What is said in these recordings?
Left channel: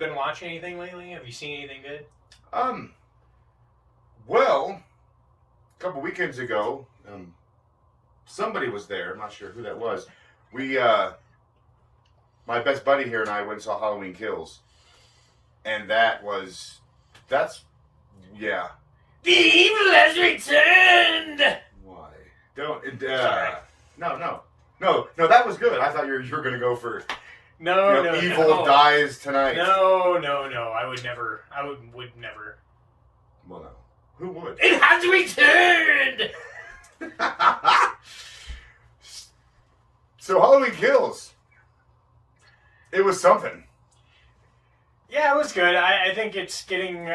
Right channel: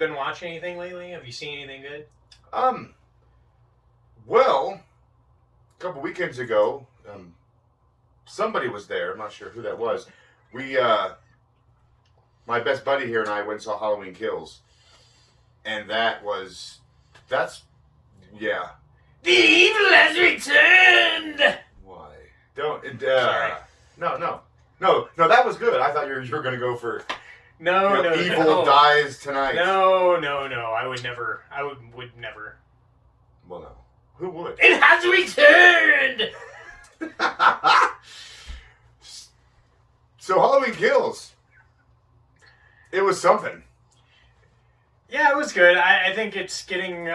been watching anything lately? Have you seen anything good? Um, well, a couple weekends ago, somebody was there. I'm not sure who that was. We, my best buddy here and I went and saw Halloween Kills, and that's, yeah. The evil has returned. Why? Don't. Sorry. No. That was good. I thought you were gonna go for No, evil dies tonight. No. I would never. Would never. Well, no. Who would? It has returned. So Halloween Kills. It was something. Yeah, it was good. I think it's getting.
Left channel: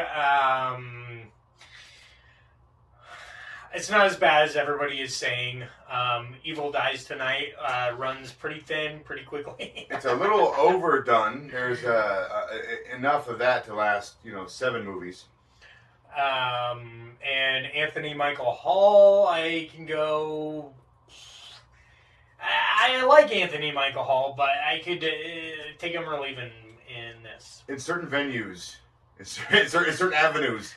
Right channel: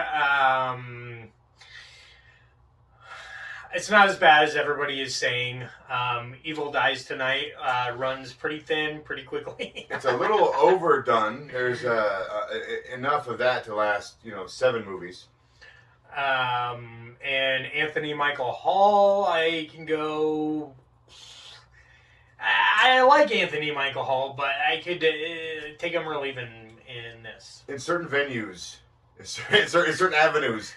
It's not as bad as everybody is saying. Evil Dies Tonight runs pretty thin, pretty quickly. It's a little overdone. There's enough of that to last, 7 movies. And Anthony Michael Hall, I can go. I like Anthony Michael Hall, but I could take him or leave him in this. In certain venues, in certain avenues.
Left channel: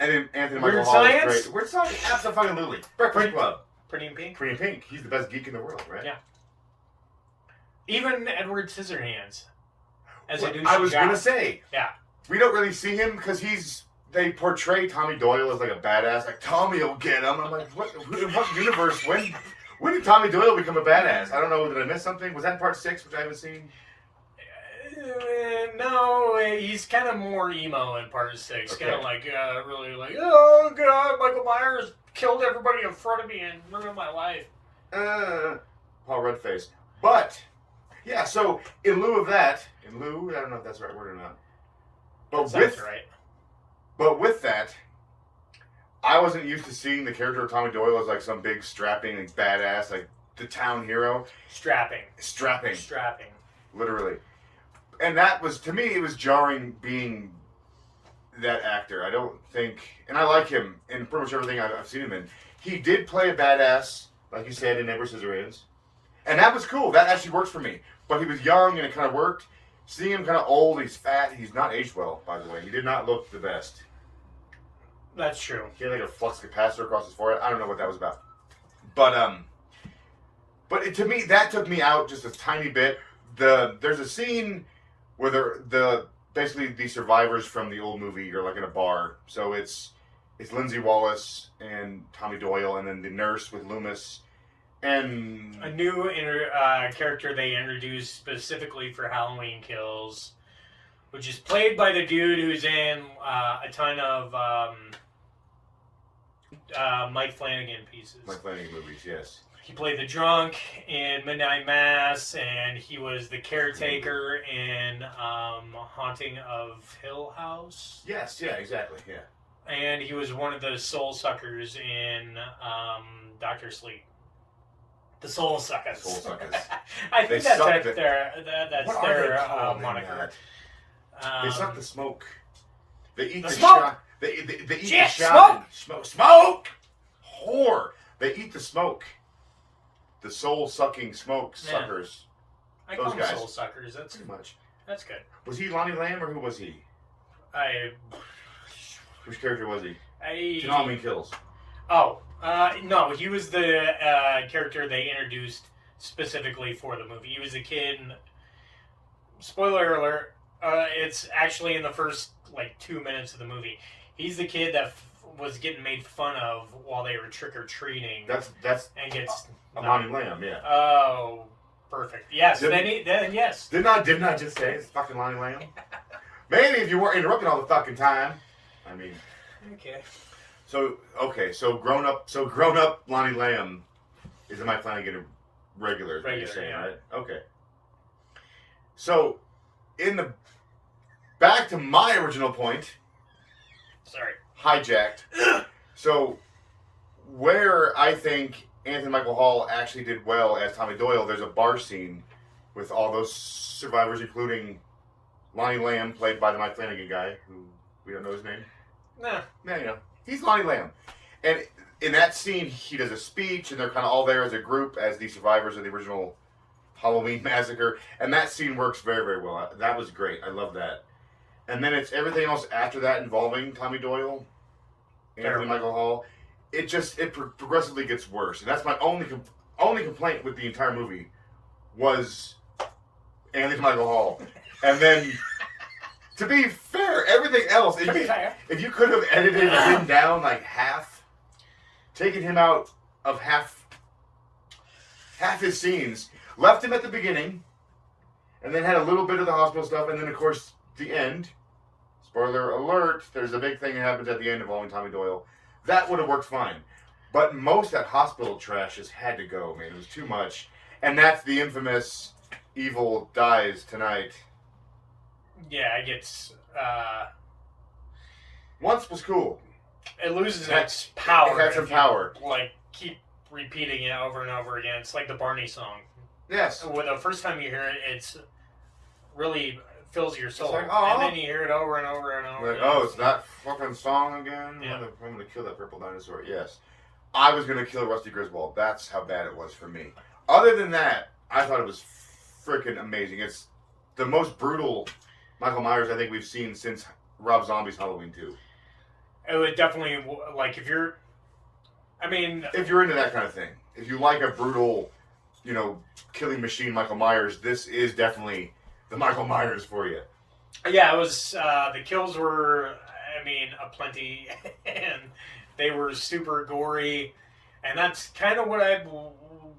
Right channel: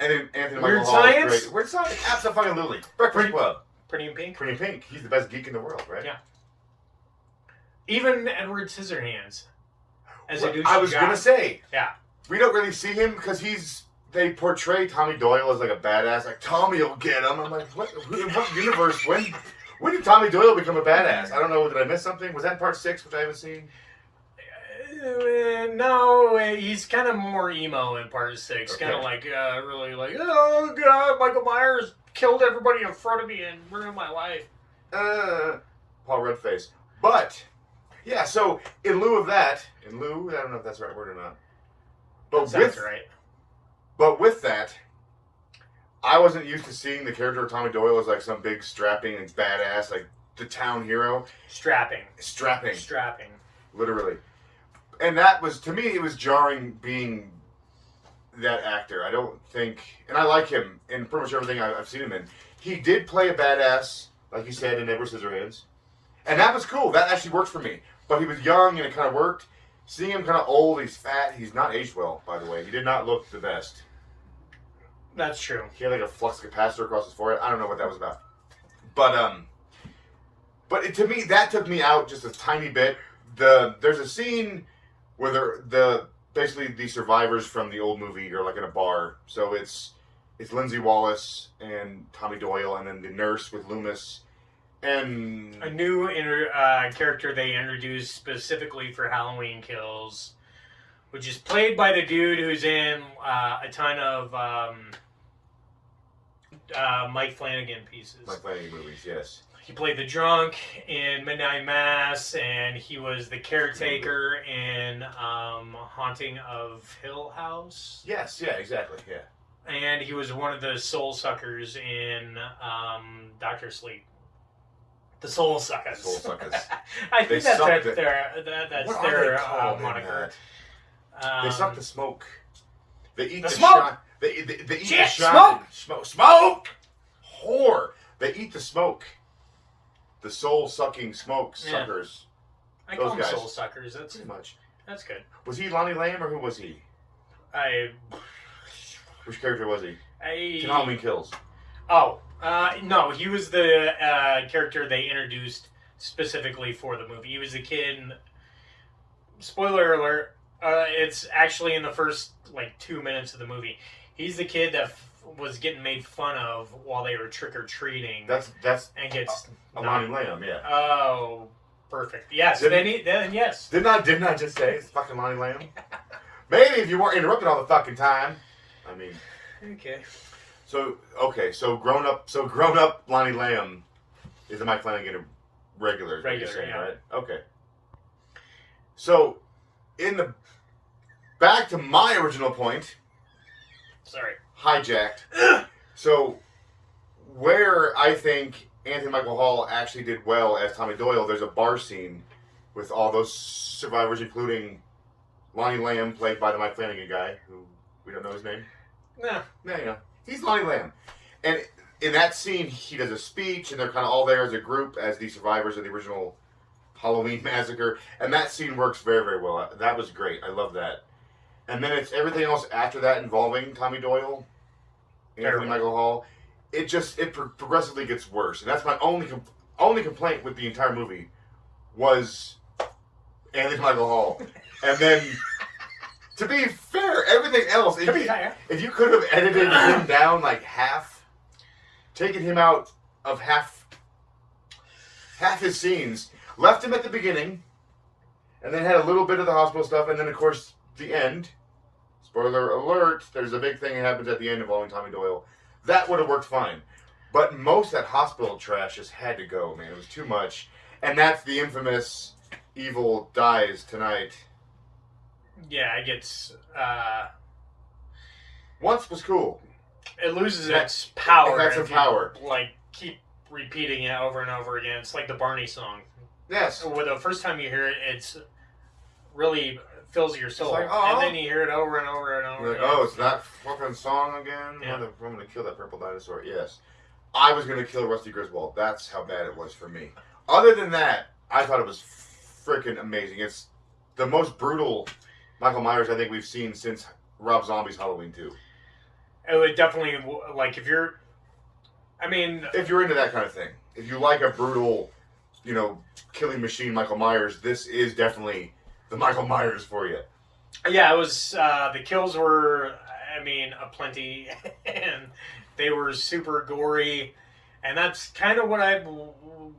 And Anthony Weird Michael Hall Science? is great. Weird Science? Absolutely. Breakfast Club. Pretty in Pink? Pretty in Pink. He's the best geek in the world, right? Yeah. Even Edward Scissorhands. As a douchey I was guy. going to say. Yeah. We don't really see him because they portray Tommy Doyle as like a badass. Like, Tommy will get him. I'm like, what universe? When did Tommy Doyle become a badass? I don't know. Did I miss something? Was that in part 6, which I haven't seen? No, he's kind of more emo in part 6. Okay. Kind of like, really like, oh god, Michael Myers killed everybody in front of me and ruined my life. Paul Redface. But, yeah, so in lieu of that, I don't know if that's the right word or not. But That's right. But with that, I wasn't used to seeing the character of Tommy Doyle as like some big strapping like badass, like the town hero. Strapping. Literally. And that was, to me, it was jarring being that actor. I don't think, and I like him in pretty much everything I've seen him in. He did play a badass, like you said, in Edward Scissorhands. And that was cool. That actually worked for me. But he was young and it kind of worked. Seeing him kind of old, he's fat. He's not aged well, by the way. He did not look the best. That's true. He had like a flux capacitor across his forehead. I don't know what that was about. But to me, that took me out just a tiny bit. There's a scene where basically the survivors from the old movie are like in a bar. So it's Lindsay Wallace and Tommy Doyle, and then the nurse with Loomis, and A new character they introduced specifically for Halloween Kills, which is played by the dude who's in a ton of Mike Flanagan pieces. Mike Flanagan movies, yes. He played the drunk in Midnight Mass, and he was the caretaker in Haunting of Hill House. Yes, yeah, exactly, yeah. And he was one of the soul suckers in Doctor Sleep. The soul suckers. Soul suckers. I think that's What their are they called in moniker. that? They suck the smoke. They eat The the smoke! shot. They eat Shit, the shot. Smoke! Whore! They eat the smoke. The soul-sucking smoke suckers. I Those call them guys. soul suckers. That's Pretty much. That's good. Was he Lonnie Lamb or who was he? Which character was he? In Halloween Kills. Oh, no, he was the character they introduced specifically for the movie. He was the kid. Spoiler alert! It's actually in the first 2 minutes of the movie. He's the kid that was getting made fun of while they were trick or treating. That's and gets Lonnie Lamb, yeah. Oh, perfect. Yes. Then yes. Didn't I just say it's fucking Lonnie Lamb? Maybe if you weren't interrupting all the fucking time. I mean. Okay. So grown up Lonnie Lamb is a Mike Flanagan regular. Regular, saying, yeah. Right? Okay. So, back to my original point. Sorry. Hijacked. So, where I think Anthony Michael Hall actually did well as Tommy Doyle, there's a bar scene with all those survivors, including Lonnie Lamb, played by the Mike Flanagan guy, who we don't know his name. Nah. No, he's Lonnie Lamb. And in that scene, he does a speech, and they're kind of all there as a group, as the survivors of the original Halloween massacre. And that scene works very, very well. That was great. I love that. and then it's everything else after that involving Tommy Doyle, Anthony Michael Hall. It progressively gets worse, and that's my only complaint with the entire movie was Anthony Michael Hall, and then. To be fair, everything else. If you could have edited him down like half, taken him out of half his scenes, left him at the beginning, and then had a little bit of the hospital stuff, and then of course the end. Spoiler alert: there's a big thing that happens at the end involving Tommy Doyle. That would have worked fine, but most of that hospital trash just had to go, man. It was too much, and that's the infamous "Evil dies tonight." Yeah, it gets. Once was cool. It loses its power. It had some power. Like, keep repeating it over and over again. It's like the Barney song. Yes. Where the first time you hear it, it's really fills your soul. Like, and then you hear it over and over and over. Like, and over. Oh, it's that fucking song again? Yeah. I'm going to kill that purple dinosaur. Yes. I was going to kill Rusty Griswold. That's how bad it was for me. Other than that, I thought it was freaking amazing. It's the most brutal Michael Myers I think we've seen since Rob Zombie's Halloween 2. It would definitely, like, if you're into that kind of thing, if you like a brutal, killing machine Michael Myers, this is definitely the Michael Myers for you. Yeah, it was, the kills were, aplenty, and they were super gory, and that's kind of what I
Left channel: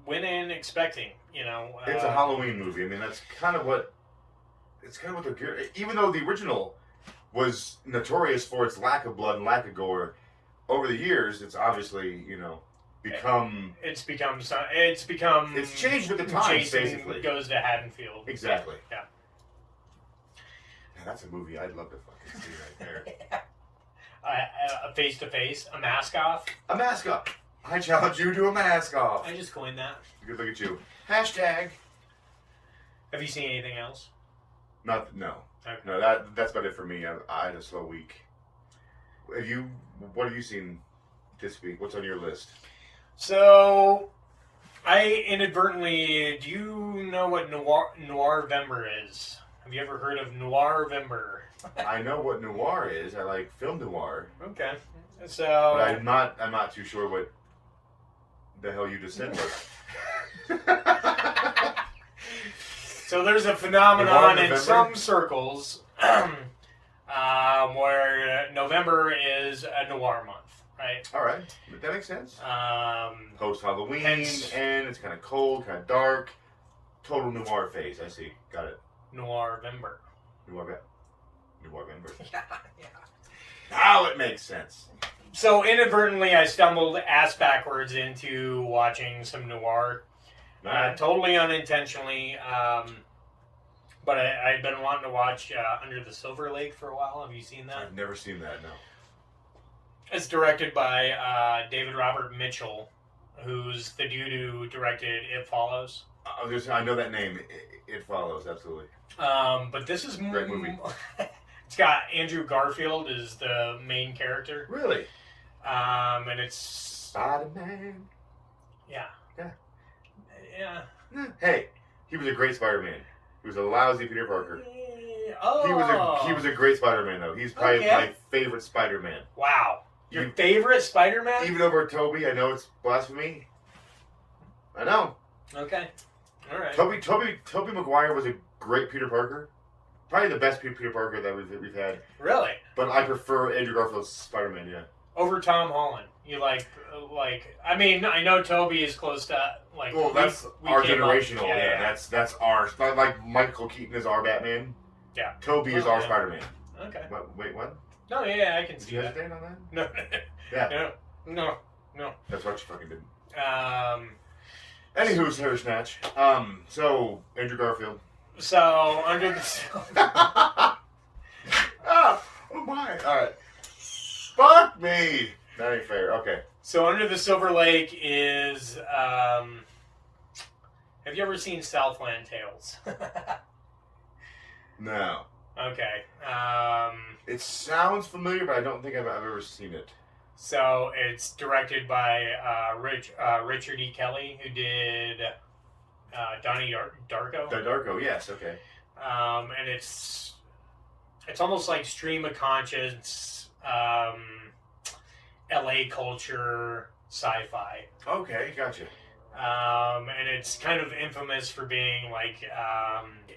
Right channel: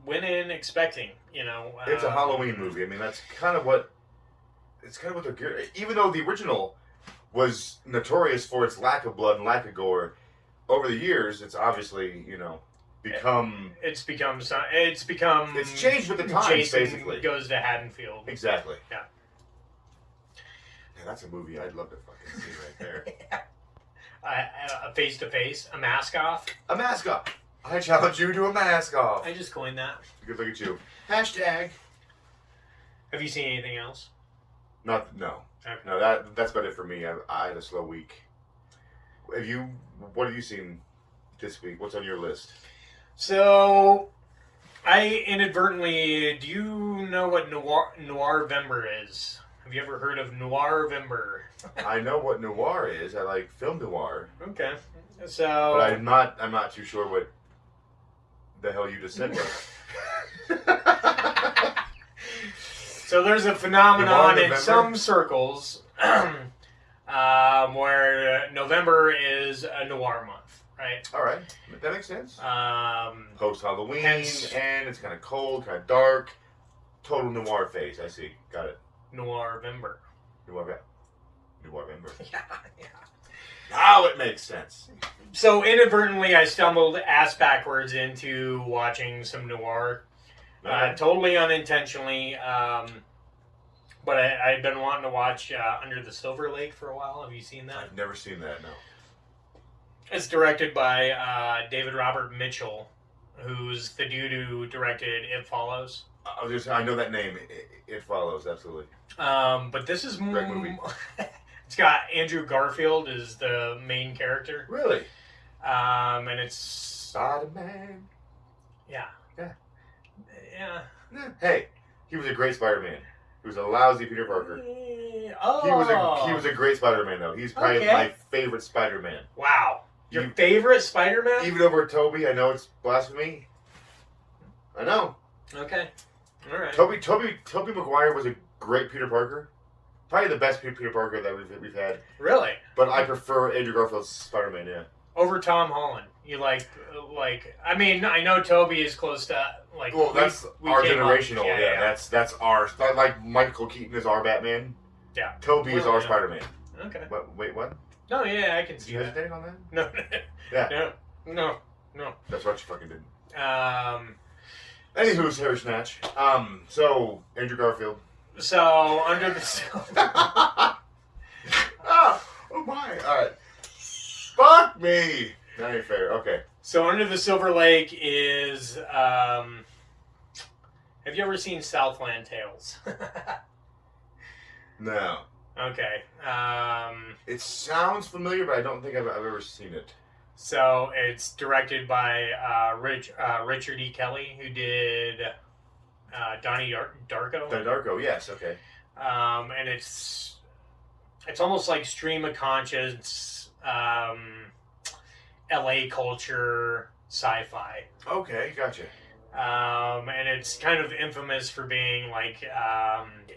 went in expecting, It's a Halloween movie. That's kind of what they're geared. Even though the original was notorious for its lack of blood and lack of gore, over the years, it's obviously, become... It's changed with the times, Jason basically. Goes to Haddonfield. Exactly. Yeah. That's a movie I'd love to fucking see right there. A face-to-face, a mask off. A mask off. I challenge you to a mask off. I just coined that. Good look at you. Hashtag. Have you seen anything else? No. Okay. No, that's about it for me. I had a slow week. What have you seen this week? What's on your list? So, I inadvertently... Do you know what Noir-vember is? Have you ever heard of Noir-vember? I know what noir is. I like film noir. Okay. So... But I'm not too sure what the hell you just said was. So there's a phenomenon in some circles where November is a noir month, right? All right, that makes sense. Post Halloween, hence, and it's kind of cold, kind of dark. Total noir phase. I see. Got it. Noir-vember. Noir-vember. Yeah. Now it makes sense. So inadvertently, I stumbled ass backwards into watching some noir. Totally unintentionally, but I'd been wanting to watch Under the Silver Lake for a while. Have you seen that? I've never seen that, no. It's directed by David Robert Mitchell, who's the dude who directed It Follows. I know that name. It Follows, absolutely. But this is great movie. It's got Andrew Garfield as the main character. Really? And it's Spider-Man. Yeah. Hey, he was a great Spider-Man. He was a lousy Peter Parker. Oh. He was a great Spider-Man though. He's probably my favorite Spider-Man. Wow. Your favorite Spider-Man? Even over Tobey. I know it's blasphemy. I know. Okay. All right. Tobey Maguire was a great Peter Parker. Probably the best Peter Parker that we've had. Really? But I prefer Andrew Garfield's Spider-Man, yeah. Over Tom Holland. You like I know Tobey is close to Well, that's our generational. Yeah. That's our. Like Michael Keaton is our Batman. Yeah. Tobey is our Spider-Man. Okay. Wait, what? No, yeah, I can Did see you that. hesitate on that? No. Yeah. No. That's what you fucking did. Anywho's hair snatch. So Andrew Garfield. So Under the oh my! All right. Fuck me. That ain't fair. Okay. So Under the Silver Lake is. Have you ever seen Southland Tales? No. Okay. It sounds familiar, but I don't think I've ever seen it. So it's directed by Richard E. Kelly, who did Donnie Darko. Donnie Darko, yes, okay. And it's it's almost like stream of conscience, LA culture, sci-fi. Okay, gotcha. And it's kind of infamous for being like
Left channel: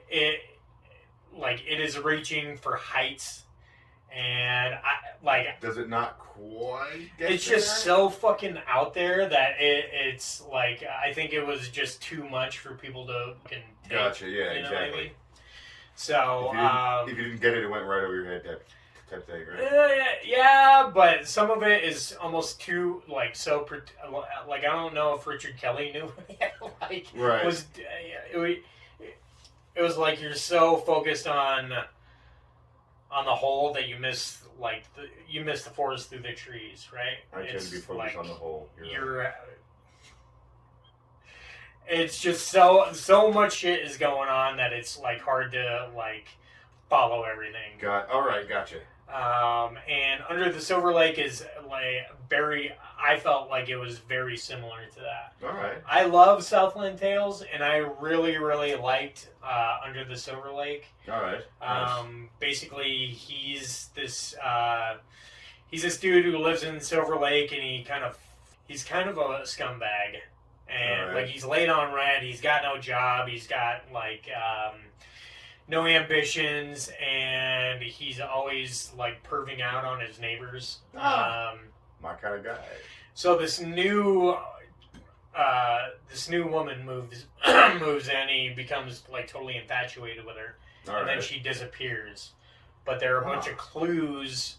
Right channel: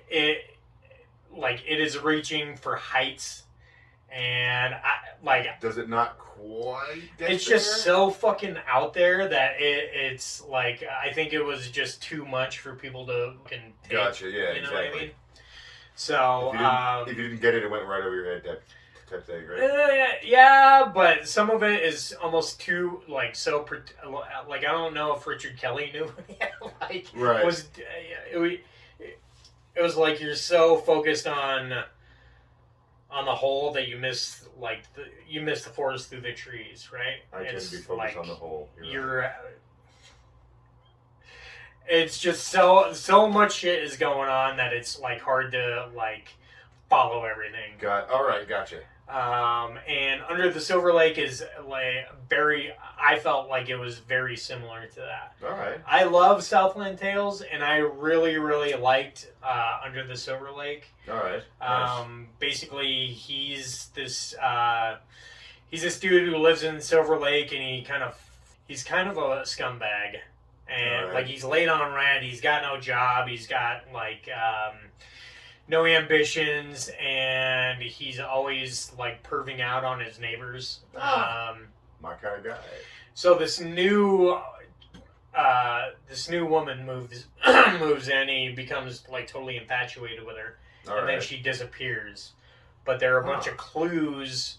it is reaching for heights, and does it not quite get it's there? just so fucking out there that it's like I think it was just too much for people to can take. Gotcha. Yeah, you know exactly. What I mean? So if you didn't get it, it went right over your head. Type thing, right? Yeah, but some of it is almost too like so. Like I don't know if Richard Kelly knew what he had, like right. It was like you're so focused on the whole that you miss the forest through the trees, right? I tend to be focused on the whole. It's just so much shit is going on that it's like hard to like follow everything. All right, gotcha. And Under the Silver Lake is like I felt like it was very similar to that. All right. I love Southland Tales, and I really, really liked Under the Silver Lake. All right. Nice. Basically, he's this dude who lives in Silver Lake, and he's kind of a scumbag, and right. like he's late on rent. He's got no job. He's got like no ambitions, and he's always like perving out on his neighbors. My kind of guy. So this new woman moves in. He becomes like totally infatuated with her, and then she disappears. But there are a bunch of clues.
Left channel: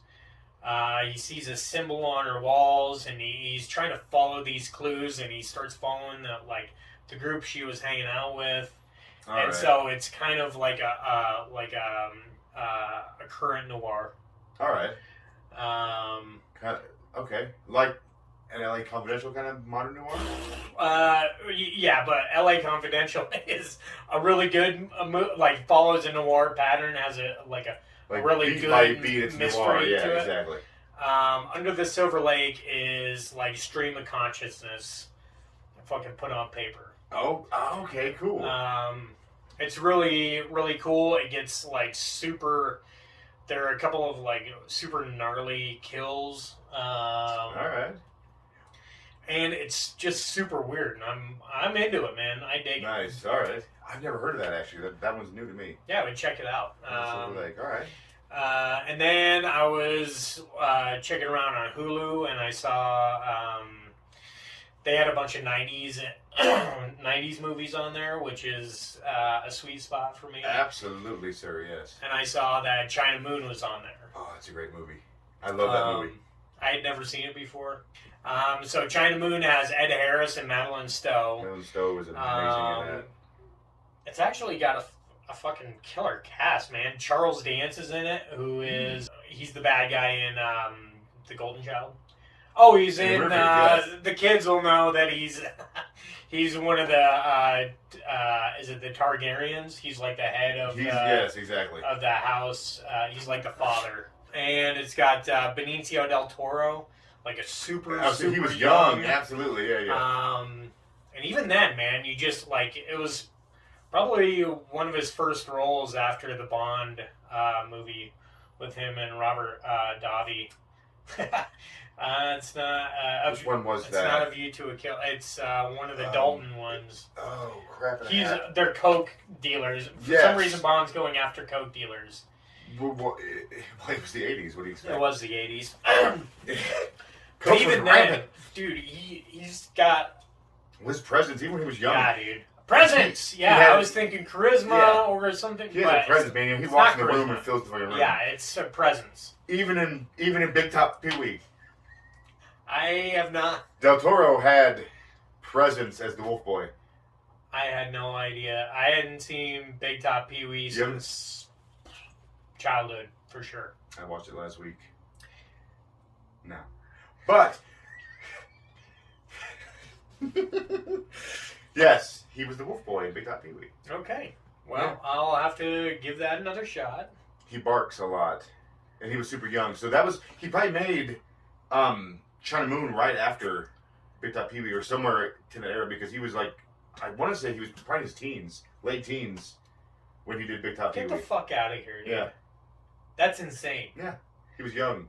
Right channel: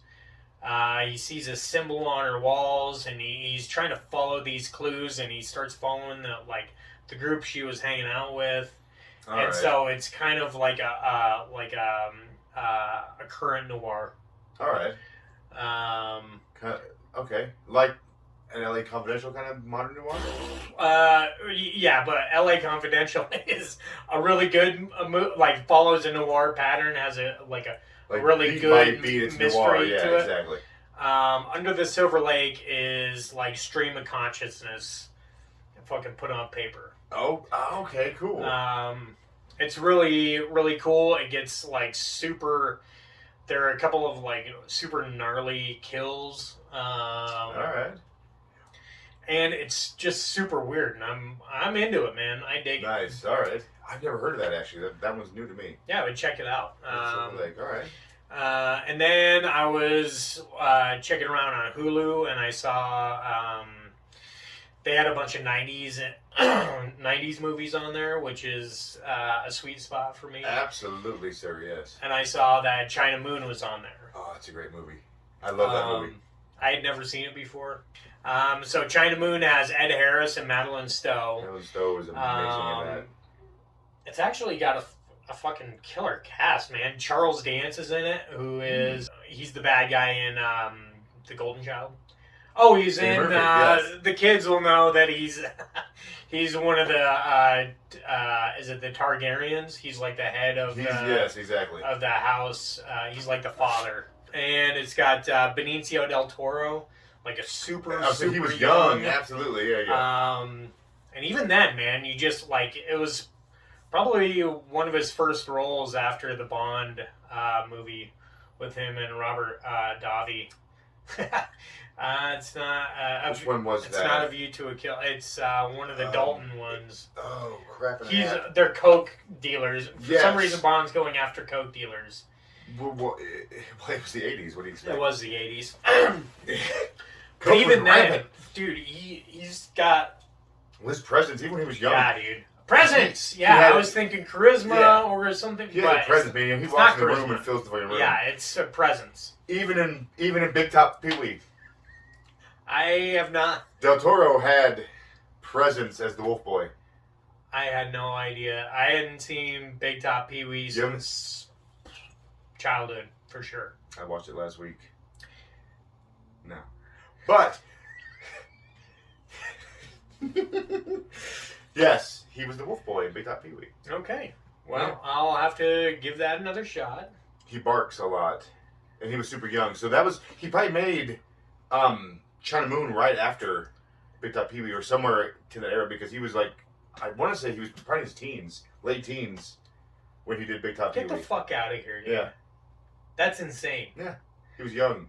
He sees a symbol on her walls, and he's trying to follow these clues, and he starts following the group she was hanging out with. So it's kind of like a current noir. All right. Okay, like an LA Confidential kind of modern noir. Yeah, but LA Confidential is a really good like follows a noir pattern, has a really good mystery to it. Exactly. Under the Silver Lake is like stream of consciousness, fucking put on paper. Oh, okay, cool. It's really, really cool. It gets like super. There are a couple of like super gnarly kills. All right. And it's just super weird, and I'm into it, man. I dig it. Nice. All right. I've never heard of that actually. That one's new to me. Yeah, but check it out. Silver Lake. All right. And then I was checking around on Hulu, and I saw they had a bunch of 90s movies on there, which is a sweet spot for me. Absolutely, sir, yes. And I saw that China Moon was on there. Oh, it's a great movie. I love that movie. I had never seen it before. So China Moon has Ed Harris and Madeline Stowe. Madeline Stowe is amazing in that. It's actually got a fucking killer cast, man. Charles Dance is in it, he's the bad guy in The Golden Child. Oh, he's in yes. The kids will know that he's one of the is it the Targaryens? He's like the head of yes, exactly. of the house. He's like the father. And it's got Benicio del Toro, like a super he was young. Absolutely, yeah. And even then, man, you just like it was probably one of his first roles after the Bond movie with him and Robert Davi. It's not. Which one was that? It's not A View to a Kill. It's one of the Dalton ones. Oh crap! They're coke dealers. For Yes. some reason, Bond's going after coke dealers. Well, it was the 80s. What do you expect? It was the 80s. But even then, dude, he's got his presence. Even when he was young. Yeah, dude. Presence. I was thinking charisma or something. He had a presence, man. He walks in the room and fills the fucking room. Yeah, it's a presence. Even in Big Top Pee Wee. I have not. Del Toro had presence as the Wolf Boy. I had no idea. I hadn't seen Big Top Pee Wee since childhood, for sure. I watched it last week. No. But yes, he was the Wolf Boy in Big Top Pee Wee. Okay. Well, I'll have to give that another shot. He barks a lot. And he was super young. So he probably made China Moon right after Big Top Pee Wee or somewhere to that era, because he was like, I want to say he was probably in his teens, late teens, when he did Big Top Pee Wee. Get the fuck out of here, dude. Yeah. That's insane. Yeah, he was young.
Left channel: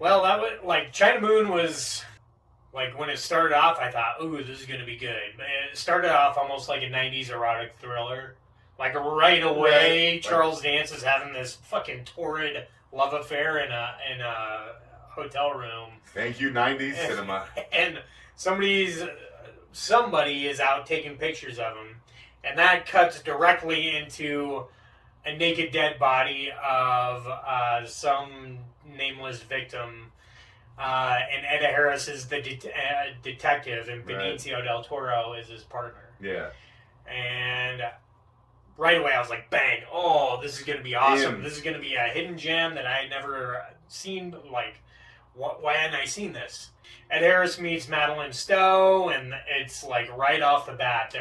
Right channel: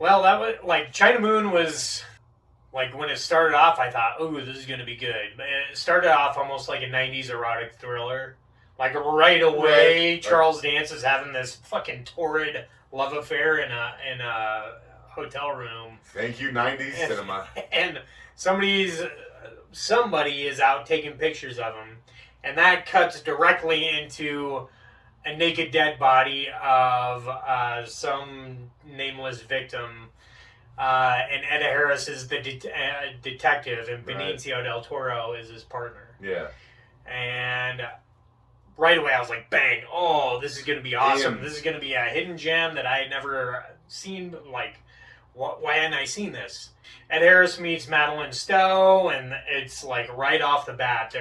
Well, that was like China Moon was like when it started off. I thought, "Ooh, this is gonna be good." It started off almost like a '90s erotic thriller. Like right away, Right. Charles Dance is having this fucking torrid love affair in a hotel room. Thank you, '90s cinema. And somebody is out taking pictures of him, and that cuts directly into a naked dead body of some nameless victim. And Ed Harris is the detective, and Benicio del Toro is his partner. Yeah. And right away, I was like, bang, oh, this is going to be awesome. Damn. This is going to be a hidden gem that I had never seen. Like, why hadn't I seen this? Ed Harris meets Madeline Stowe, and it's like right off the bat,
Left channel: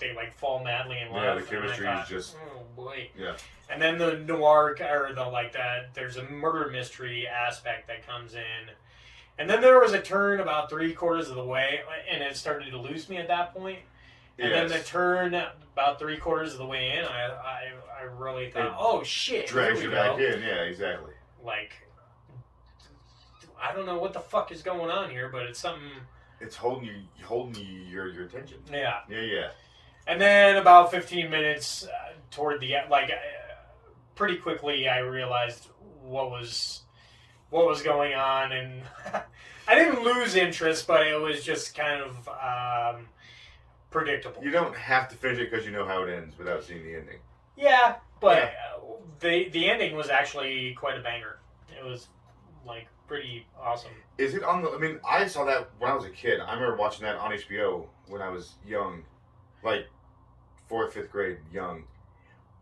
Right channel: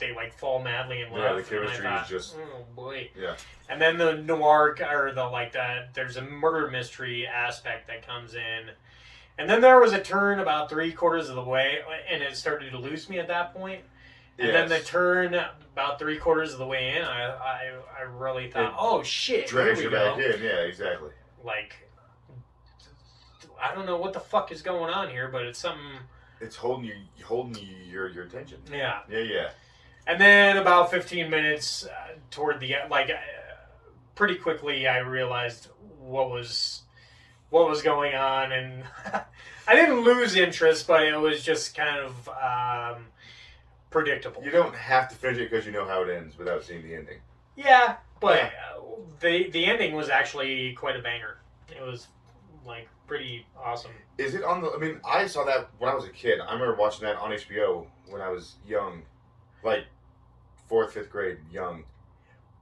they like fall madly in love. Yeah, the chemistry is just. Oh boy. Yeah. And then the noir, or there's a murder mystery aspect that comes in. And then there was a turn about 3/4 of the way, and it started to lose me at that point. And then the turn about 3/4 of the way in, I really thought, oh shit, drags you back in. Yeah, exactly. Like, I don't know what the fuck is going on here, but it's something. It's holding your attention. Yeah. Yeah. And then about 15 minutes toward the pretty quickly, I realized what was going on, and I didn't lose interest, but it was just kind of predictable. You don't have to finish it because you know how it ends without seeing the ending. Yeah, but the ending was actually quite a banger. It was like pretty awesome. Is it on the? I mean, I saw that when I was a kid. I remember watching that on HBO when I was young, like 4th, 5th grade, young.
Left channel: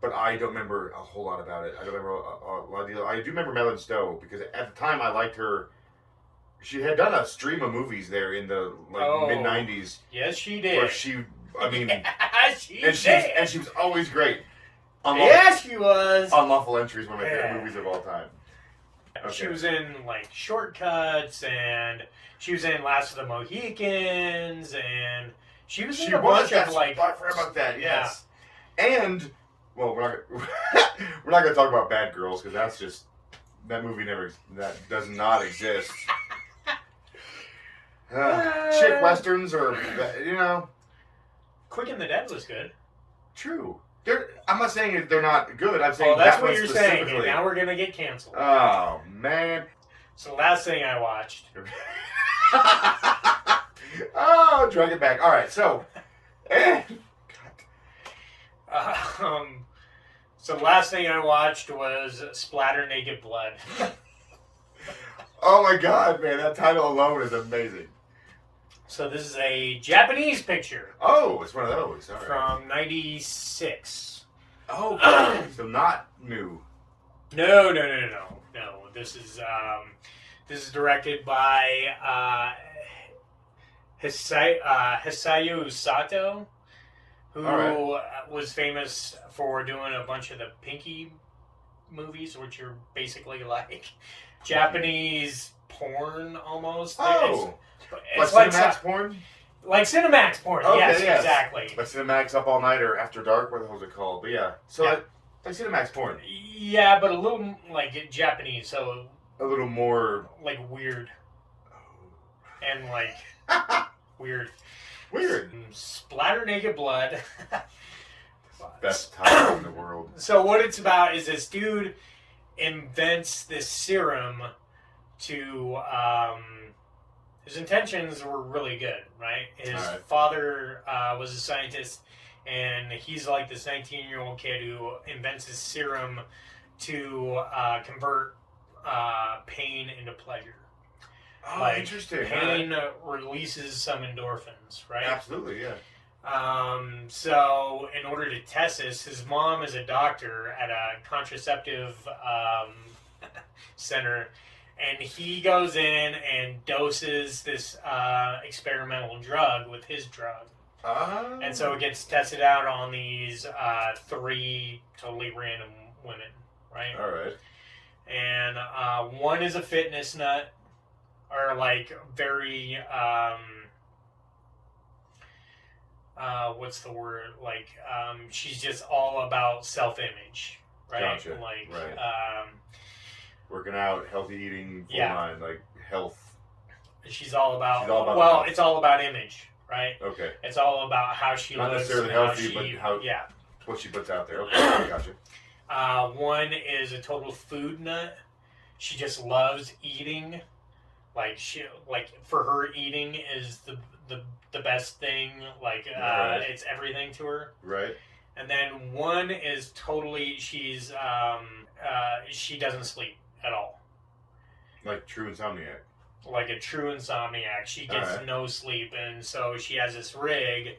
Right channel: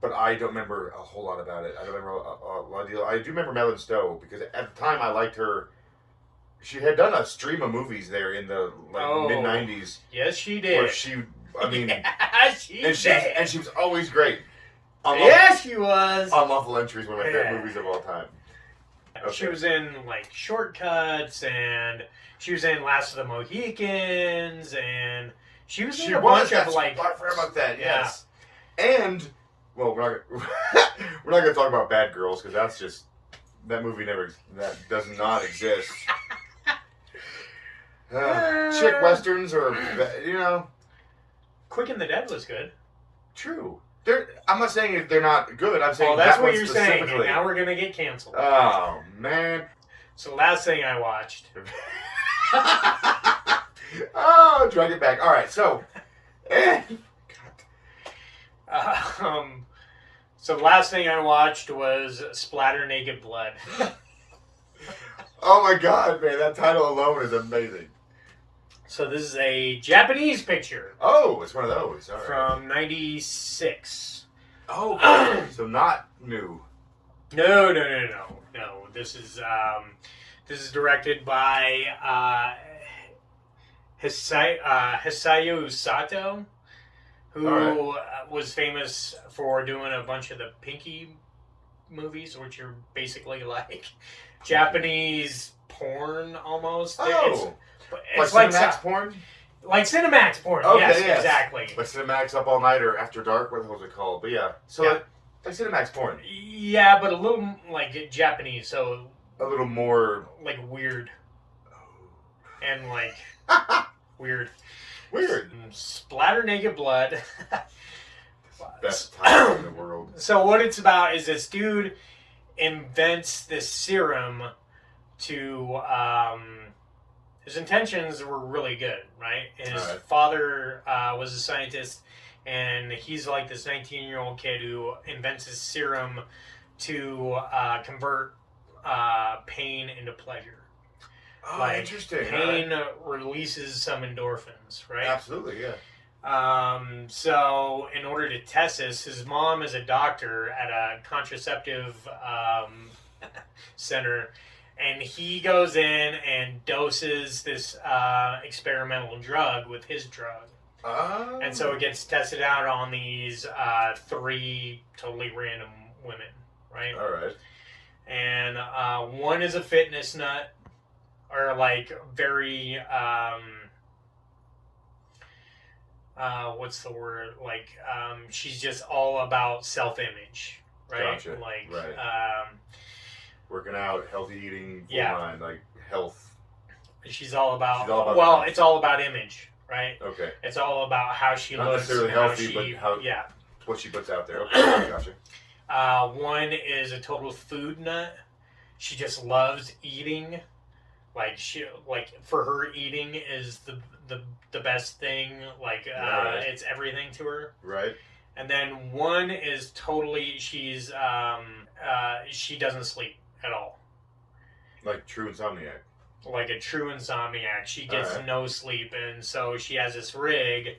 But I don't remember a whole lot about it. I don't remember a lot of deal. I do remember Madeline Stowe because at the time I liked her. She had done a stream of movies there in the mid '90s. Yes, she did. Where she, I mean, she was always great. Yes, she was. Unlawful Entry is one of my favorite movies of all time. Okay. She was in like Shortcuts, and she was in Last of the Mohicans, and she was in a bunch of like. I forgot about that. Yes, and well, we're not gonna talk about Bad Girls because that's just that movie does not exist. Chick westerns or Quick and the Dead was good. True. I'm not saying they're not good. I'm saying that's that what you're saying. And now we're gonna get canceled. Oh man. So the last thing I watched. Oh, drag it back. All right, so. So the last thing I watched was Splatter Naked Blood. Oh my god, man! That title alone is amazing. So this is a Japanese picture. Oh, it's one of those. All right. From '96. Oh, so not new. No. This is directed by Hisayo Sato, who was famous for doing a bunch of the Pinky movies, which are basically like Japanese porn almost. Oh. It's like Cinemax porn? Like Cinemax porn, okay, yes, exactly. Like Cinemax Up All Night or After Dark, what the hell is it called? But yeah, so like Cinemax porn. Yeah, but a little like Japanese, so a little more like weird. And like weird. Splatter Naked Blood. Best title in the world. So what it's about is this dude invents this serum to his intentions were really good, right? His father was a scientist, and he's like this 19-year-old kid who invents this serum to convert pain into pleasure. Oh, like, interesting. Pain releases some endorphins, right? Absolutely, yeah. So in order to test this, his mom is a doctor at a contraceptive center, and he goes in and doses this experimental drug with his drug. Oh. And so it gets tested out on these 3 totally random women, right? All right. And one is a fitness nut, or like very what's the word? Like she's just all about self-image, right? Gotcha. Like, Right. Working out, healthy eating, full Yeah. mind, like health. she's all about. She's all about well, health. it's all about image, right? Okay. It's all about how she Not looks, necessarily and healthy, how she, but how yeah. what she puts out there. Okay, gotcha. One is a total food nut. She just loves eating. Like for her, eating is the best thing. Like Right. it's everything to her. Right. And then one is totally she doesn't sleep at all. Like true insomniac. Like a true insomniac. She gets Alright. no sleep, and so she has this rig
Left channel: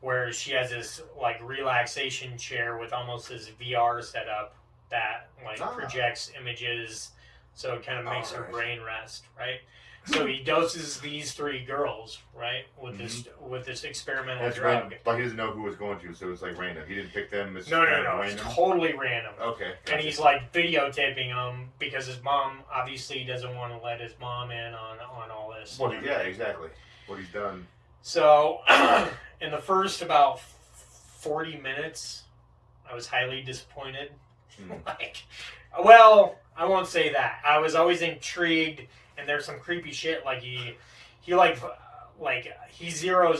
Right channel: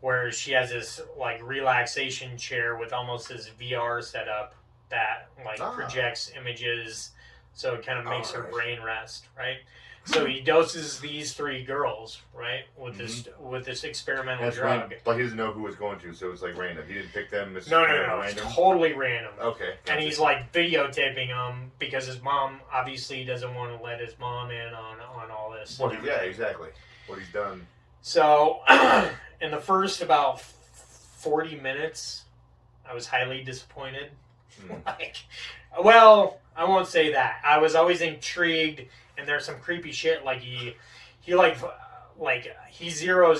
where she has this like relaxation chair with almost this VR setup that like projects images, so it kind of makes her brain rest, right? So he doses these three girls, right, with this experimental drug. Random. Like he doesn't know who was going to, so it's like random. He didn't pick them. It's No, random. it's totally random. Okay. Gotcha. And he's like videotaping them because his mom obviously doesn't want to let his mom in on all this. Well, yeah, exactly. What he's done. So, in the first about 40 minutes, I was highly disappointed. Like, well, I won't say that. I was always intrigued, and there's some creepy shit. Like he zeroes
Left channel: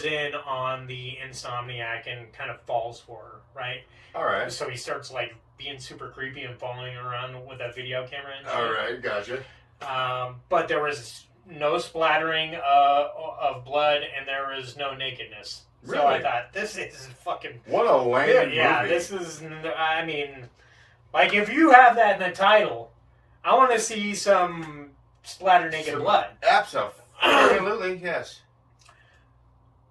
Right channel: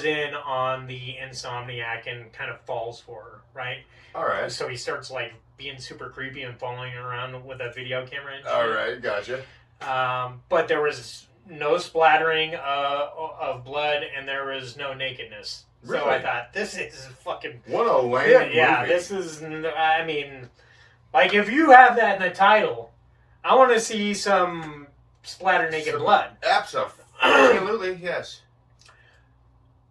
in on the insomniac and kind of falls for her, right? All right. So he starts like being super creepy and following around with a video camera and shit. All right, gotcha. But there was no splattering of blood, and there was no nakedness. Really? So I thought, this is fucking... What a lame yeah, movie. this is... I mean, like, if you have that in the title, I want to see some splatter naked blood. Absolutely, yes.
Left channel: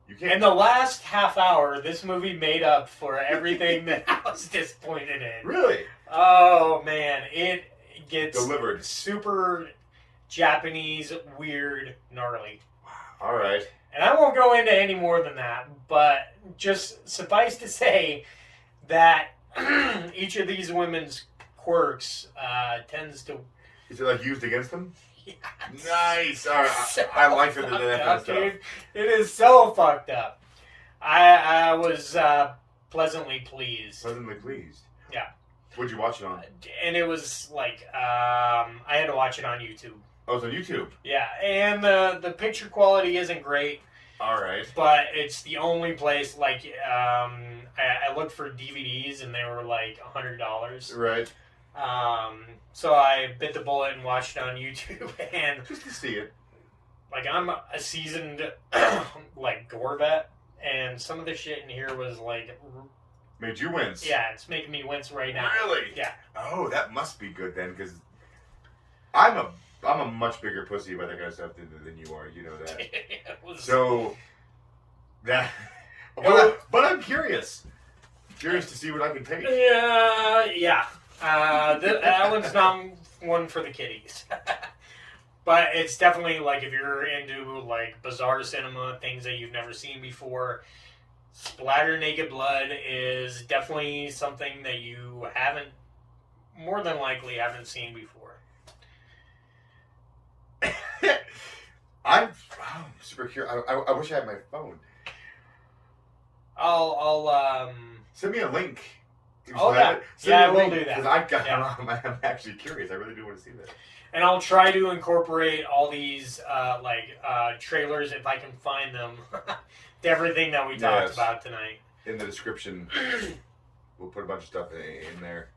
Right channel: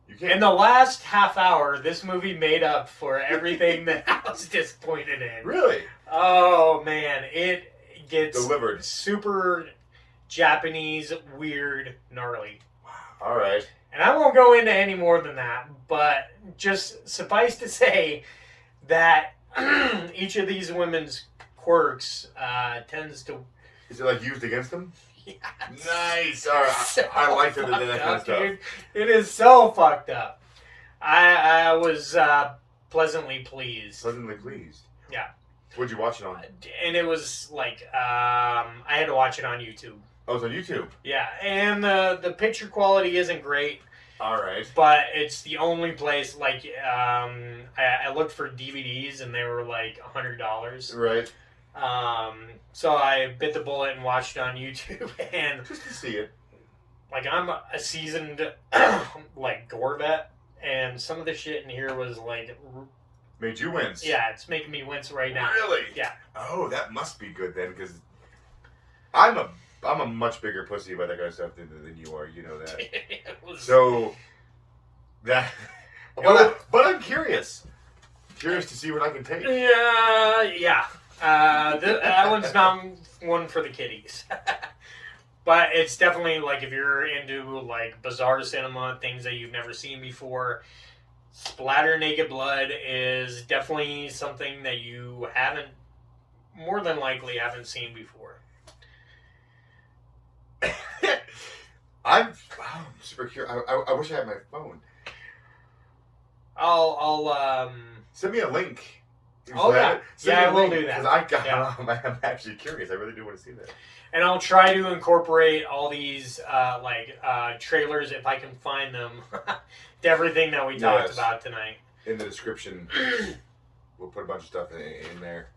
You can't... In the last half hour, this movie made up for everything that I was disappointed in. Really? Oh, man. It gets... Delivered. Super... Japanese, weird, gnarly. All right. And I won't go into any more than that, but just suffice to say that each of these women's quirks tends to... Is it like used against them? Yeah, nice. All right. So I like it. That kind of stuff. Dude. It is so fucked up. I was pleasantly pleased. Pleasantly pleased. Yeah. What'd you watch it on? And it was like, I had to watch it on YouTube. Oh, it's on YouTube. Yeah, and the picture quality isn't great. All right. But it's the only place, like, I looked for DVDs and they were like $100. Right. So I bit the bullet and watched it on YouTube, and just to see it. Like, I'm a seasoned, like, gore vet, and some of the shit in here was like... Made you wince. Yeah, it's making me wince right now. Really? Yeah. Oh, that must be good then, because I'm a much bigger pussy about that kind of stuff than you are. You know that. So that. But I'm curious. Curious to see what I can take. Yeah. That one's not one for the kiddies. But it's definitely, like, if you're into, like, bizarre cinema, things that you've never seen before, splatter naked blood is definitely something that you more than likely haven't seen before. I'm super curious. I wish I had my phone. I'll send me a link. Oh yeah, I will do that. Because I'm actually curious. I really do want to see that. And I'll try to incorporate all these trailers if I can find them to everything that we talked about tonight. In the description, we'll put a bunch of stuff in there.